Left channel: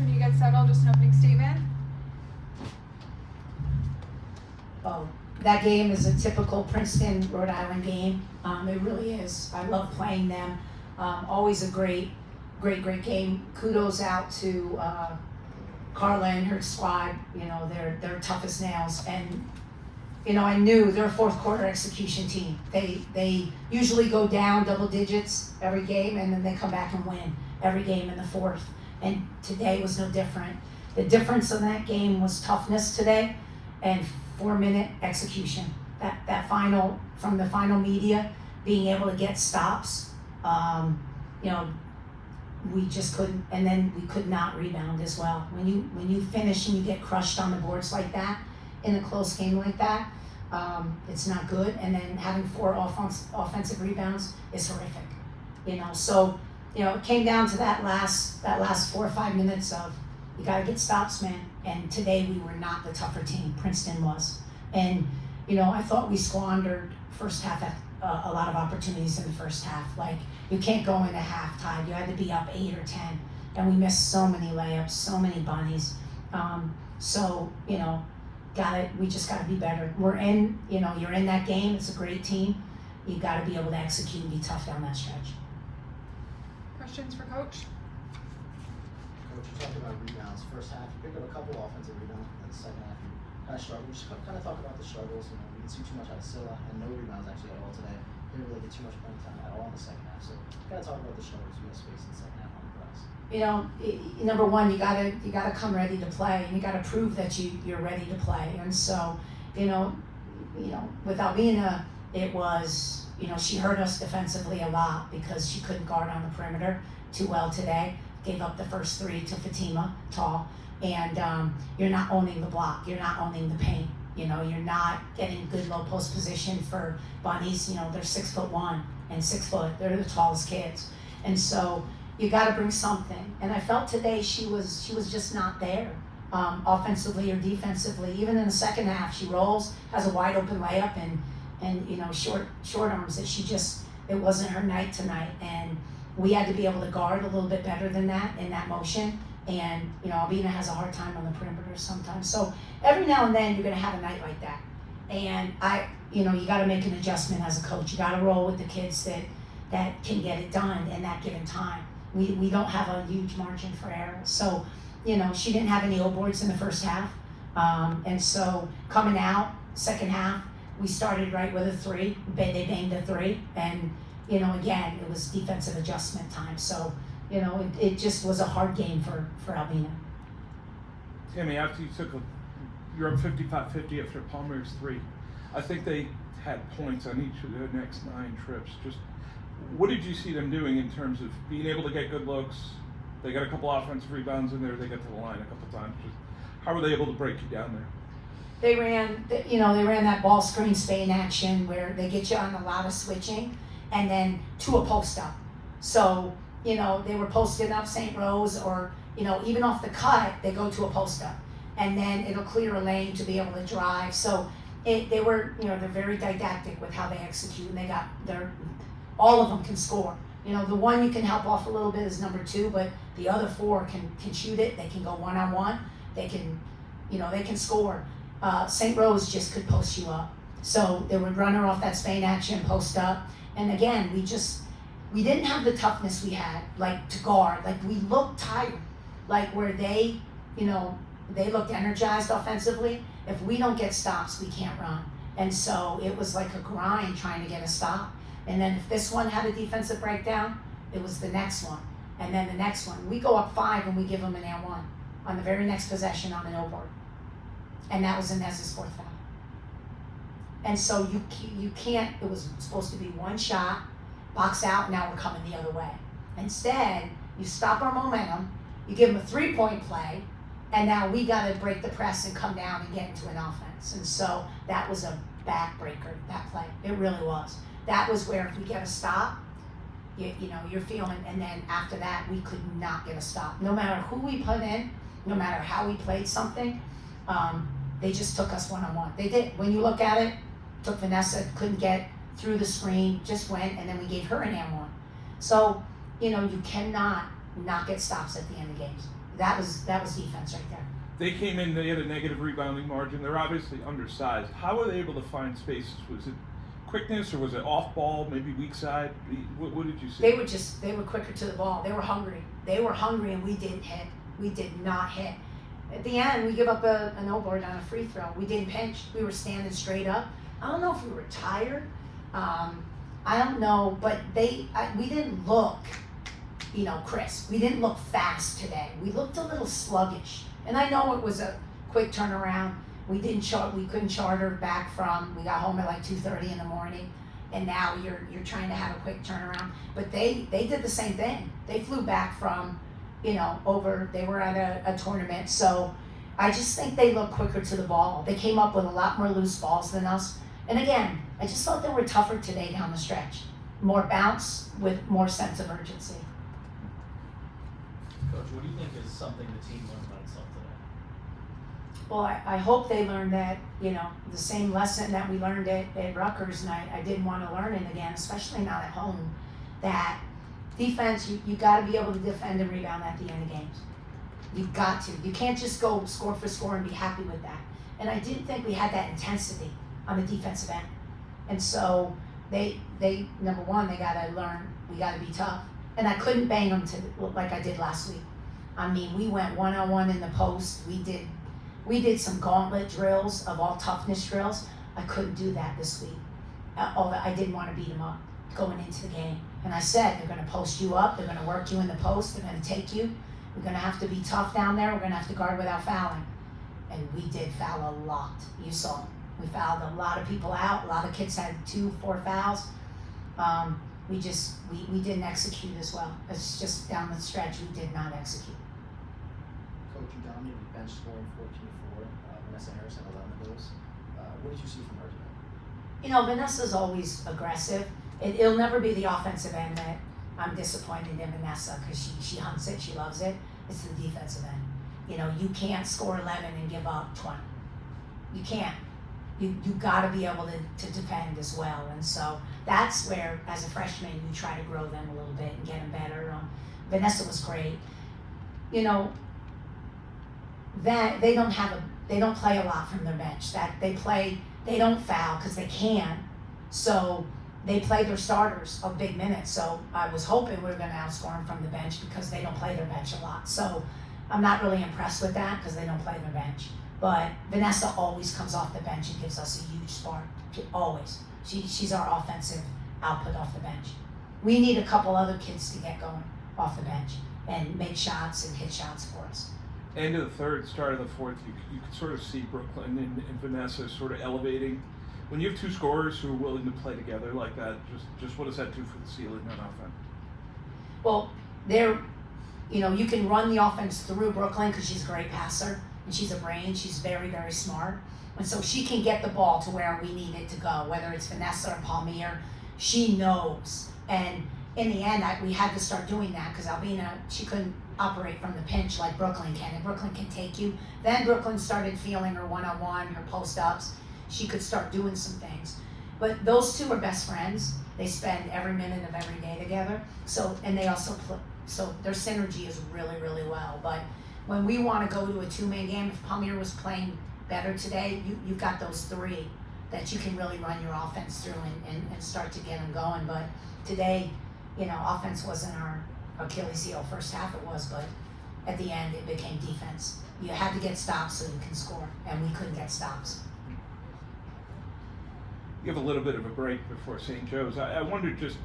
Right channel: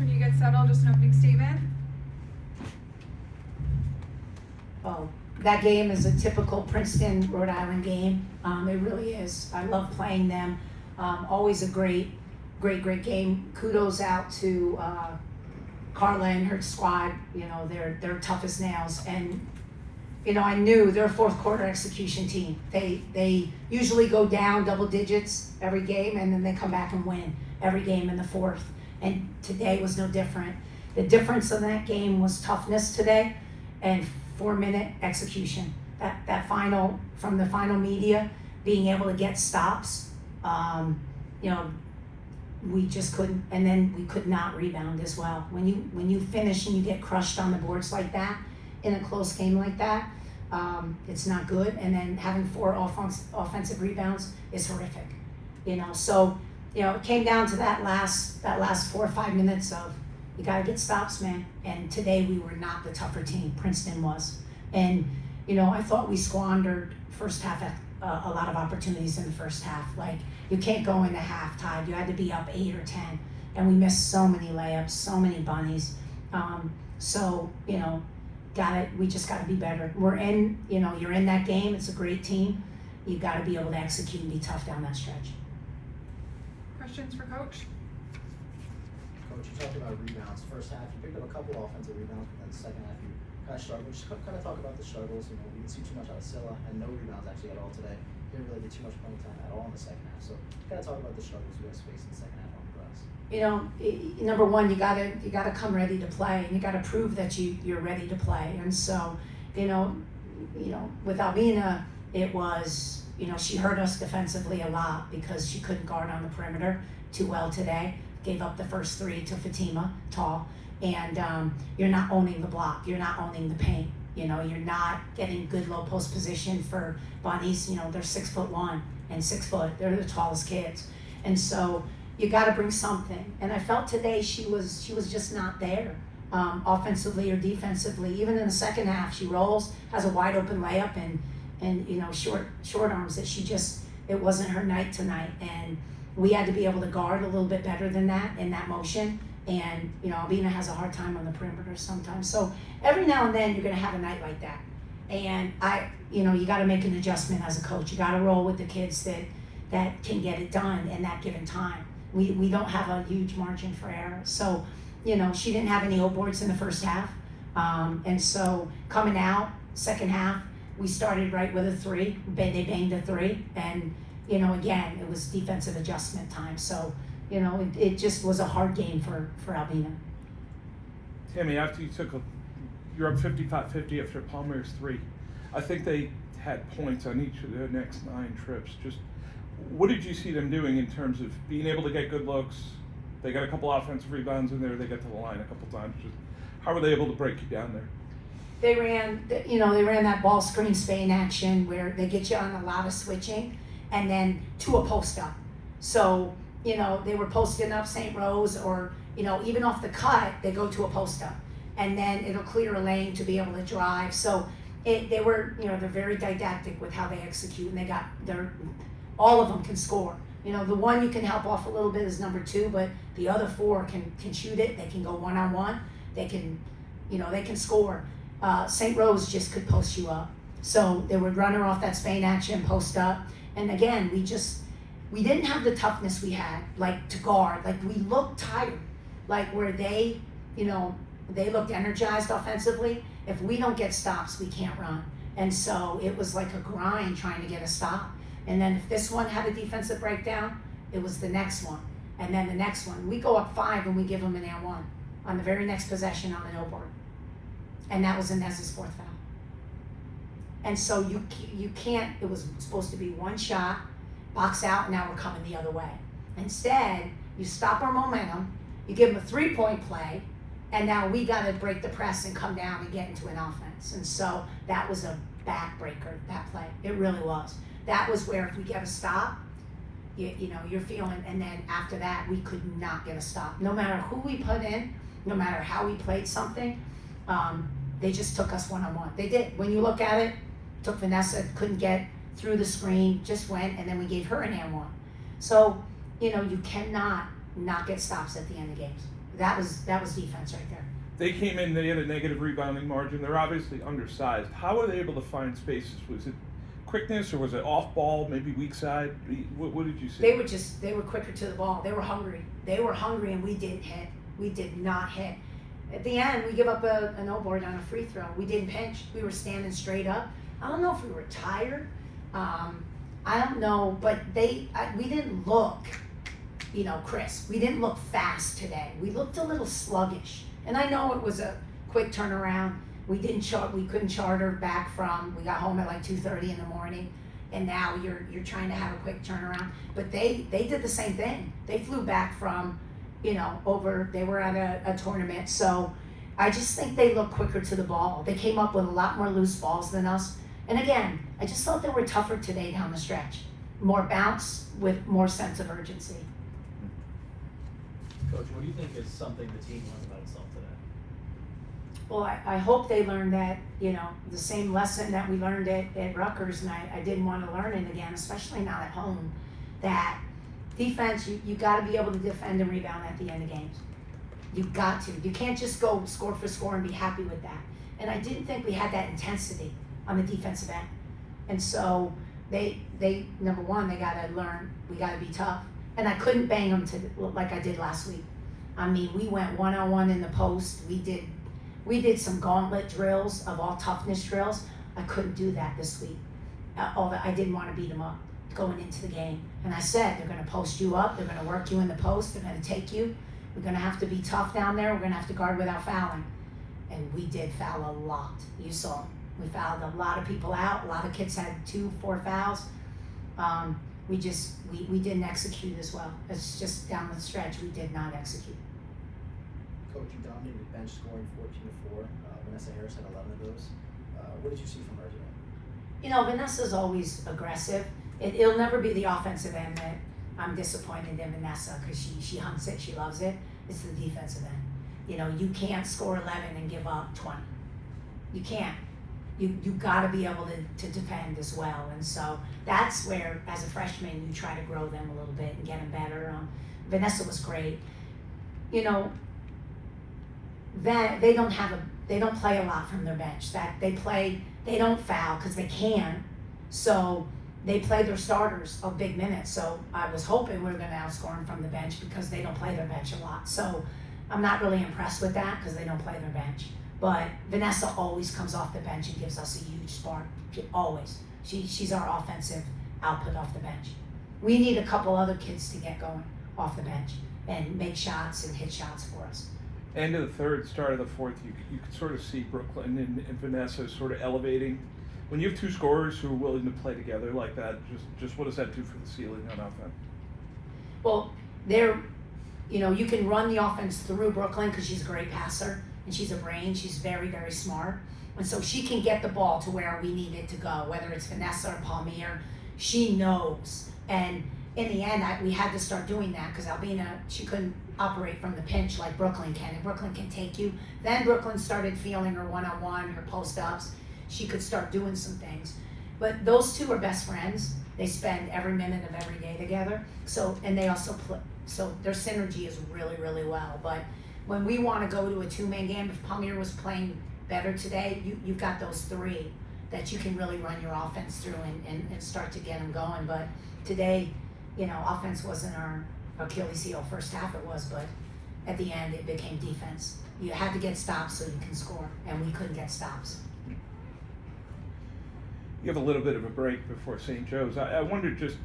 when you get settled, just an opening statement. Oh, that game is a typical Princeton, Rhode Island game. It really is. I love playing them. Always a great game. Kudos out to Carla and her squad. You know, they're tough as nails. And you know, I knew they're a fourth quarter execution team. They usually go down double digits every game, and then they come back and win every game in the fourth. And today was no different. The difference in that game was toughness today and 4-minute execution. That final, from the final media, being able to get stops, you know, we just couldn't, and then we could not rebound as well. When you finish and you get crushed on the boards like that, in a close game like that, it's not good. And then having 4 offensive rebounds is horrific. You know, so you know, it came down to that last 4 or 5 minutes of, you gotta get stops, man. And today we were not the tougher team. Princeton was. And you know, I thought we squandered first half a lot of opportunities in the first half. Like, you can't go into half tied. You had to be up 8 or 10, and we missed so many layups, so many bunnies. So you know, we just gotta be better. We're in, you know, you're in that game. It's a great team. You gotta be able to execute and be tough down that stretch. Questions for Coach? Coach, you talked about rebounds. First half, you picked up a couple offensive rebounds, but then the second half, you kind of struggled. Just kind of talk about the struggles. You know, we didn't see too much out of Silla, and no rebounds actually at all today. Didn't really get too much playing time at all in the second half. So, kind of talk about the struggles you guys faced in the second half on the glass. You know, number one, you gotta come ready to play, and you gotta prove that you're ready to play. And so, you know, with Albina, it was, you know, she hurt us defensively a lot because she couldn't guard on the perimeter too well today. Gave up the first 3 to Fatima, tall, and you're not owning the block. You're not owning the paint. You know, you're not getting good low post position for bunnies. You know, they're 6'1" and 6 foot. They're the tallest kids, and so you got to bring something. And I felt today she was just not there, offensively or defensively. Even in the second half, she rolls, has a wide open layup, and you know, short arms that it wasn't her night tonight. And we had to be able to guard a little bit better than that in that motion. And you know, Albina has a hard time on the perimeter sometimes. So every now and then you're gonna have a night like that. And you know, you gotta make an adjustment as a coach. You gotta roll with the kids that can get it done in that given time. We don't have a huge margin for error. So, you know, she didn't have any O boards in the first half. And so coming out, second half, we started right with a 3. They banged a 3. And, you know, again, it was defensive adjustment time. So, you know, it just was a hard game for Albina. Tammi, after you're up 55-50 after Palmer's 3. I think they had points on each of their next 9 trips. Just what did you see them doing in terms of being able to get good looks? They got a couple offensive rebounds in there. They got to the line a couple times. Just how were they able to break you down there? They ran that ball screen Spain action where they get you on a lot of switching and then to a post up. So, you know, they were posting up St. Rose, or, you know, even off the cut, they go to a post up. And then it'll clear a lane to be able to drive. So they were, you know, they're very didactic with how they execute, and they got all of them can score. You know, the one you can help off a little bit is number 2, but the other 4 can shoot it. They can go one-on-one. They can, you know, they can score. St. Rose just could post you up. So they would run her off that Spain action, post up. And again, we didn't have the toughness we had, like, to guard. Like, we looked tired. Like, where they, you know, they looked energized offensively. If we don't get stops, we can't run. And so it was like a grind trying to get a stop. And then if this one had a defensive breakdown, it was the next one. And then the next one. We go up 5 and we give them an air 1 on the very next possession on an O board. And that was Inez's 4th foul. And so you can't, it was supposed to be one shot, box out, now we're coming the other way. Instead, you stop our momentum, you give them a 3-point play, and now we got to break the press and come down and get into an offense. And so that was a backbreaker, that play. It really was. That was where if we get a stop, you know, you're feeling, and then after that, we could not get a stop. No matter who we put in, no matter how we played something, they just took us one-on-one. They did. When you look at it, took Vanessa, couldn't get through the screen, just went, and then we gave her an and 1. So, you know, you cannot not get stops at the end of games. That was defense right there. They came in, they had a negative rebounding margin. They're obviously undersized. How were they able to find spaces? Was it quickness or was it off ball, maybe weak side? What did you see? They were quicker to the ball. They were hungry and we didn't hit. We did not hit. At the end, we give up a no board on a free throw. We didn't pinch. We were standing straight up. I don't know if we were tired. I don't know, but we didn't look, crisp. We didn't look fast today. We looked a little sluggish. And I know it was a quick turnaround. We couldn't charter back we got home at like 2:30 in the morning, and now you're trying to have a quick turnaround. But they did the same thing. They flew back from, they were at a tournament. So I just think they look quicker to the ball. They came up with a lot more loose balls than us. And again, I just thought they were tougher today down the stretch. More bounce with more sense of urgency. Coach, what do you think is something the team learned about itself today? Well, I hope they learned that, the same lesson that we learned at Rutgers, and I didn't want to learn it again, especially not at home, that defense, you got to be able to defend and rebound at the end of games. You've got to. You can't just go score for score and be happy with that. And I didn't think we had that intensity on the defensive end. And so they number one, they got to learn, we got to be tough. And I couldn't bang them like I did last week. I mean, we went one-on-one in the post. We did some gauntlet drills of all toughness drills. I couldn't do that this week. I didn't want to beat them up going into the game. And I said, they're going to post you up. They're going to work you in the post. They're going to take you. We're going to have to be tough down there. We're going to have to guard without fouling. And we did foul a lot. You saw. We fouled a lot of people out. A lot of kids had 2-4 fouls. We didn't execute as well. It's just down the stretch, we did not execute. Coach, you dominated bench scoring 14-4. Vanessa Harris had 11 of those. What did you see from her today? Vanessa's always aggressive. It'll never be the offensive end that I'm disappointed in Vanessa, because she hunts it, she loves it. It's the defensive end. You can't score 11 and give up 20. You can't. You got to be able to defend as well. And so that's where, as a freshman, you try to grow them a little bit and get them better. Vanessa was great. They don't play a lot from their bench. They don't foul because they can. So they play their starters of big minutes. So I was hoping we were going to outscore them from the bench because they don't play their bench a lot. So I'm not really impressed with that because they don't play their bench. But Vanessa always comes off the bench and gives us a huge spark. Always. She's our offensive output off the bench. We need a couple other kids to get going off the bench and make shots and hit shots for us. End of the third, start of the fourth, you could sort of see Brooklyn and Vanessa sort of elevating. When you have two scorers who are willing to play together like that, just what does that do for the ceiling on offense? Well, you can run the offense through Brooklyn because she's a great passer. And she's a brain, she's very, very smart. And so she can get the ball to where we need it to go, whether it's Vanessa or Palmier, she knows. And in the end, we had to start doing that because Albina, she couldn't operate from the pinch like Brooklyn can. And Brooklyn can take you. Then Brooklyn started feeling her one-on-one, her post-ups. She could start doing some things. But those two are best friends. They spend every minute of every day together. And they also play. So their synergy is really, really well. But when we want to go to a two-man game, if Palmier was playing better today, you've got those three that you can really run your offense through and start to get them going. But today, offense wasn't our Achilles heel. First half it was, but at the end it became defense. You had to get stops so you can score, and we couldn't get stops. You have a little bit of a break before St. Joe's. I wonder just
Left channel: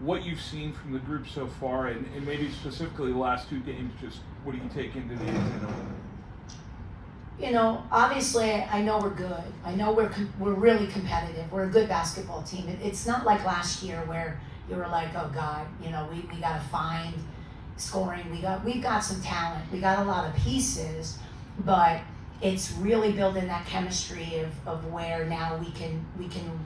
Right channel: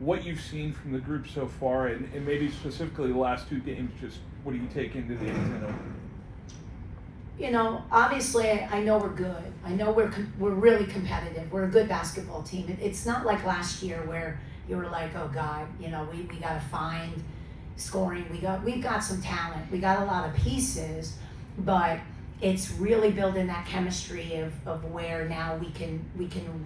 what you've seen from the group so far, and maybe specifically the last two games, just what do you take into the end? Obviously, I know we're good. I know we're really competitive. We're a good basketball team. It's not like last year where you were like, oh God, we got to find scoring. We've got some talent. We got a lot of pieces, but it's really building that chemistry of where now we can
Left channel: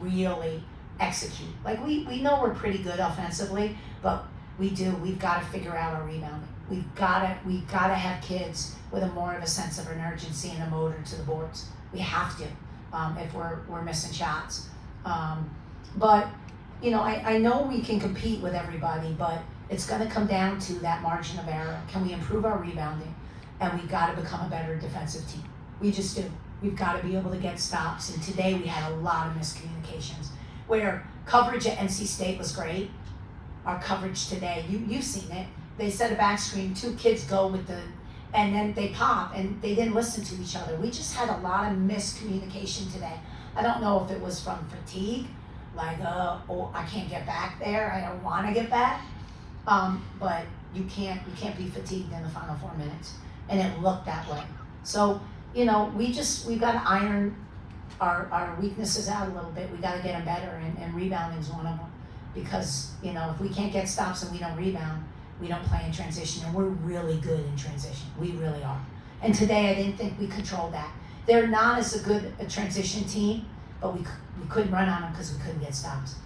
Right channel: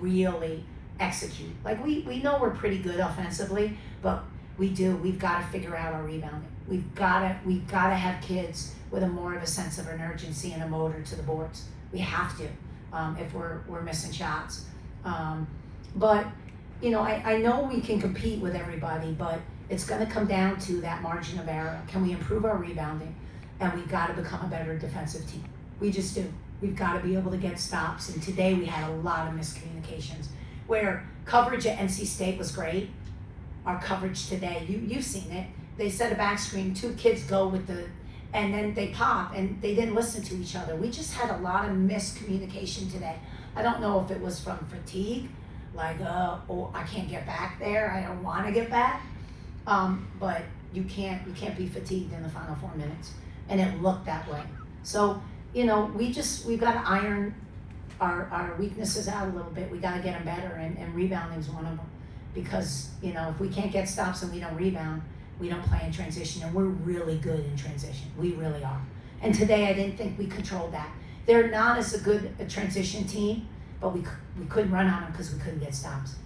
really execute. Like we know we're pretty good offensively, but we've got to figure out our rebounding. We've got to have kids with more of a sense of an urgency and a motor to the boards. We have to, if we're missing shots. But I know we can compete with everybody, but it's gonna come down to that margin of error. Can we improve our rebounding? And we've gotta become a better defensive team. We just do. We've gotta be able to get stops, and today we had a lot of miscommunications. Where coverage at NC State was great, our coverage today, you've seen it. They set a back screen, 2 kids go with the, and then they pop, and they didn't listen to each other. We just had a lot of miscommunication today. I don't know if it was from fatigue, like, oh, I can't get back there, I don't wanna get back. But you can't be fatigued in the final 4 minutes, and it looked that way. So, we've gotta iron our weaknesses out a little bit. We gotta get them better, and rebounding's one of them. Because, if we can't get stops and we don't rebound, we don't play in transition, and we're really good in transition. We really are. And today I didn't think we controlled that. They're not as good a transition team, but we couldn't run on them because we couldn't get stops.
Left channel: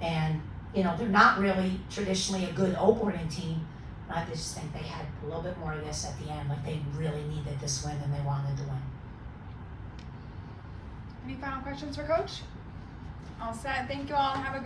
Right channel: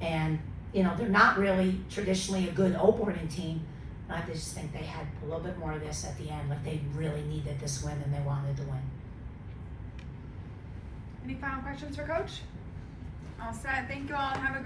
And, they're not really traditionally a good opening team. I just think they had a little bit more of this at the end, like they really needed this win and they wanted to win. Any final questions for Coach? All set. Thank you all. Have a